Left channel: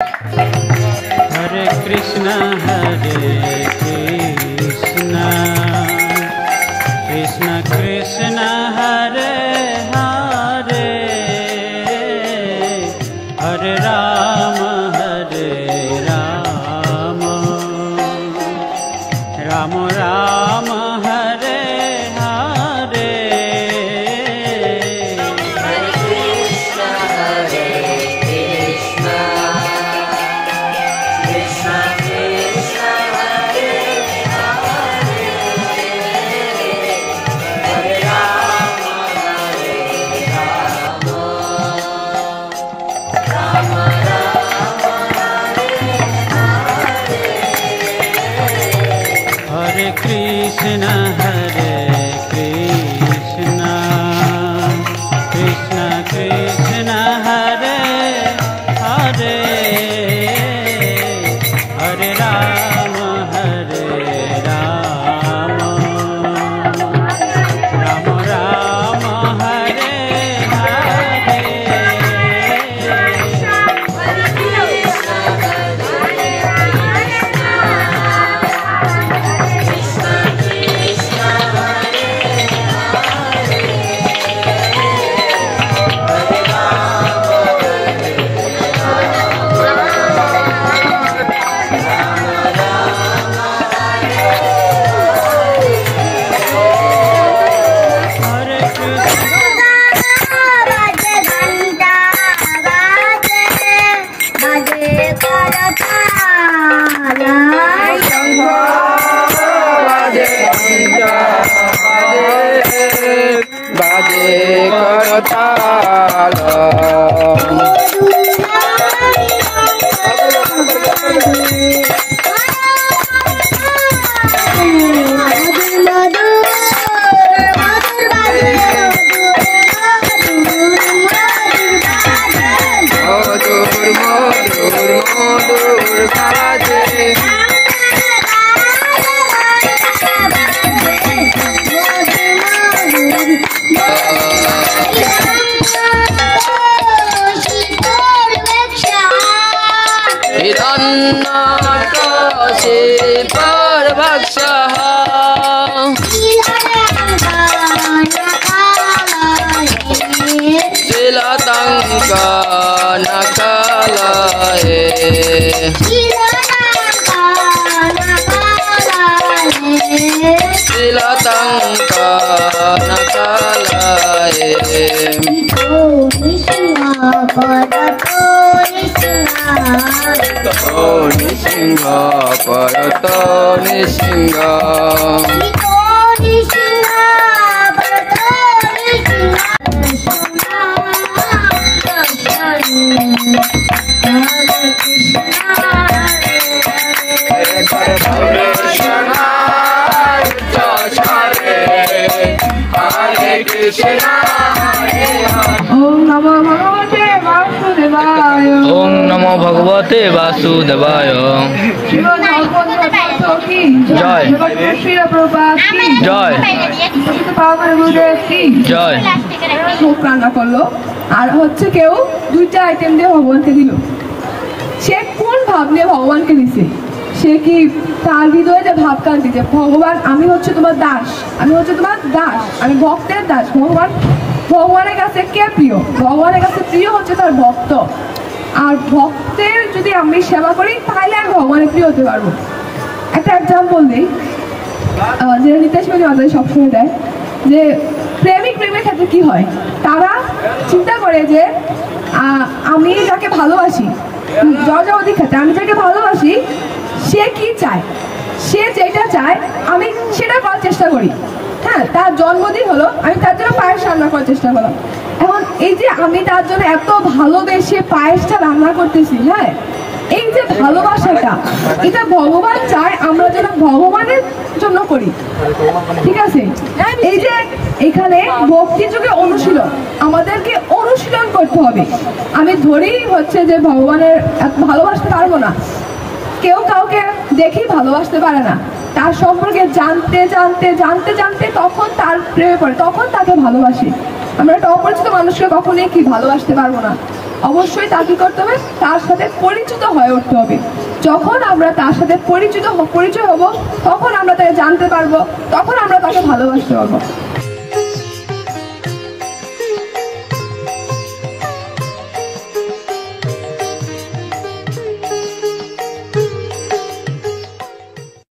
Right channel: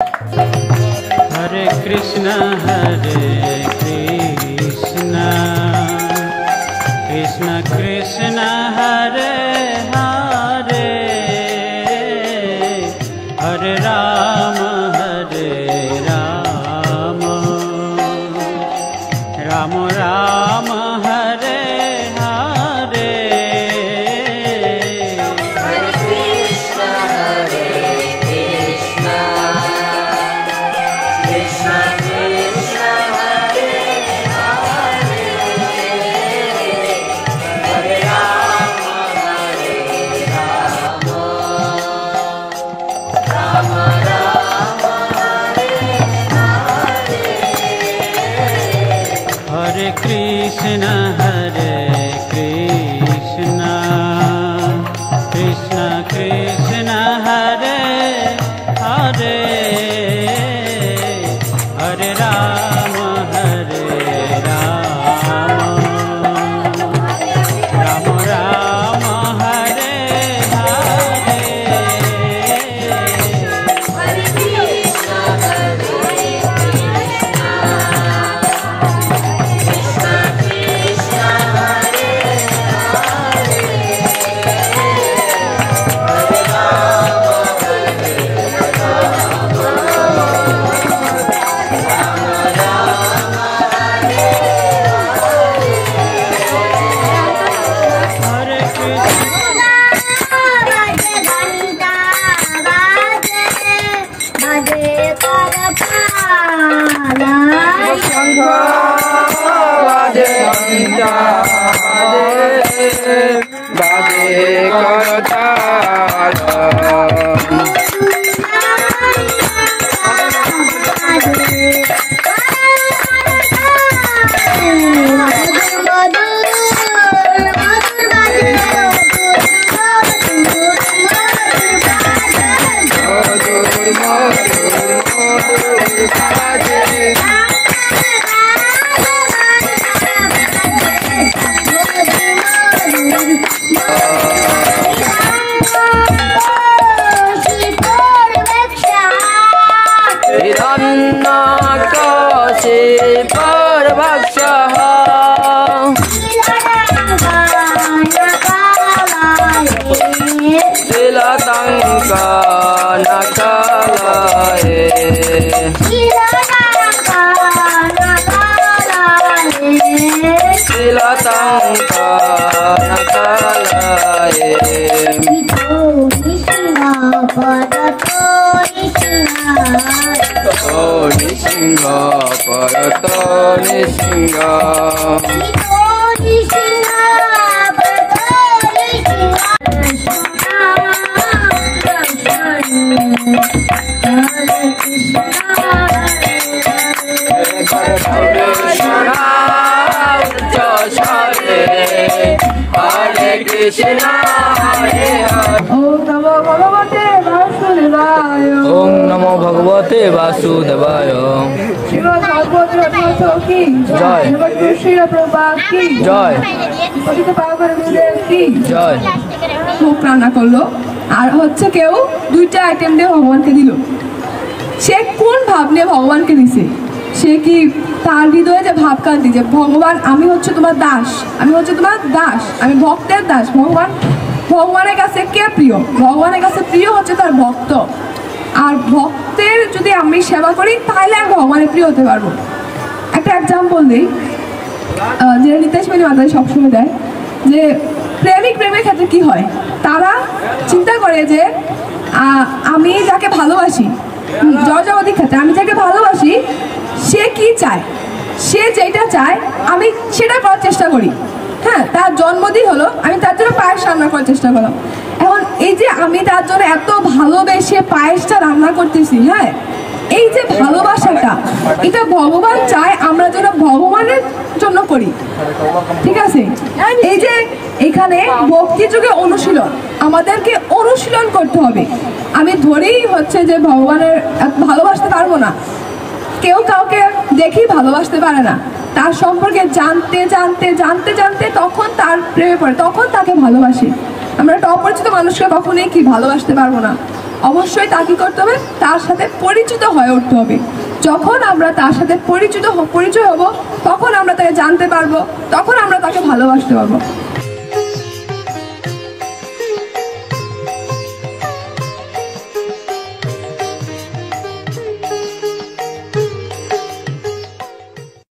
हरे कृष्ण कृष्ण कृष्ण हरे हरे, हरे राम राम राम हरे हरे। हरे कृष्ण कृष्ण कृष्ण हरे हरे, हरे राम राम राम हरे हरे। हरे कृष्ण कृष्ण कृष्ण हरे हरे, हरे राम राम राम हरे हरे। हरे कृष्ण कृष्ण कृष्ण हरे हरे, हरे राम राम हरे हरे। हरे कृष्ण बाजे घंटा बाजे करताला, बाजे घंटा बाजे करताल। मधुर मधुर मधुर बाजे। हिरण्यकशिपुर्भक्षः तिलतङ्कनकलये, तिलतङ्कनकलये। ओ निसिंह परतो निसिंह, हरे कृष्ण हरे हरे। ओम नमो भगवते वासुदेवाय। ओम नमो भगवते वासुदेवाय। श्रीमद् भागवत रत्नोत्सव की जय। श्री प्रभुपाद की जय। পতিত পাবন গুরুদেব কি জয়। মুখ রান্না করলো আর হচ্ছে কেউ দুইটা আইটেম দিয়ে ভগবানকে দিল। সে কোন ভাব নিয়ে ভগবানকে দিছে? সে কি তার হৃদয়ে যে ভাবকান্তি যে ভগবান আমি হচ্ছে তোমার দাস, আমি হচ্ছে তোমার দাস, আমি ভক্তের দাস। ভগবানের কাছে কে প্রিয়? ভগবানের কাছে প্রিয় হচ্ছে তার ভক্ত। আর ভক্তের যদি আমি সেবা করি তাহলে আমি ভগবানের প্রিয় হতে পারবো। একটা এক্সাম্পল দিই, যে নিতেশ মিনি মাতাজি সবসময় দেয় যে প্রেমের ক্ষেত্রে কি হয়, তারা চিন্তা করে যে আমি যাকে ভালোবাসি, জগজাগতিক ক্ষেত্রে আমি যাকে ভালোবাসি সে কি চায়, সে যেটা চায় আমি সেটা করার চেষ্টা করি। হ্যাঁ, তার জন্মদিন হলো, আমি তার জন্য পায়েস রান্না করার চেষ্টা করলাম। এখন এই যে আমি তার জন্য এত ভালোবেসে পায়েসটা রান্না করতেছি, হ্যাঁ, এই যে ভালোবাসাটা এটা ভগবান চায় আমরা যেন ভগবানের জন্য করি। ঠিক আছে, এই যে এখানে ভক্তি যুগে অনুশীলন, আমাদেরকে অনুশীলন করতে হবে। আমি ধরি হচ্ছে যে ভগবানের ভালোবাসতে পারবো না, কেউ কাউকে দেখি ভালোবাসতে পারে না, তার সম্পর্কে জানতে জানতে জানতে জানতে তখন তার প্রেমে পড়ে, তখন তাকে ভালোবাসি। আমরা একটা অপরিচিত মানুষকে কখনোই কি ভালোবাসতে পারবো না। অবশ্যই তা কি করতে হবে, তার সাথে পরিচিত হয়ে উঠতে হবে। যখন আমরা তার সাথে পরিচয় হব, তখন আমরা তাকে জানতে পারবো, তখন আমরা তাকে ভালোবাসতে পারবো।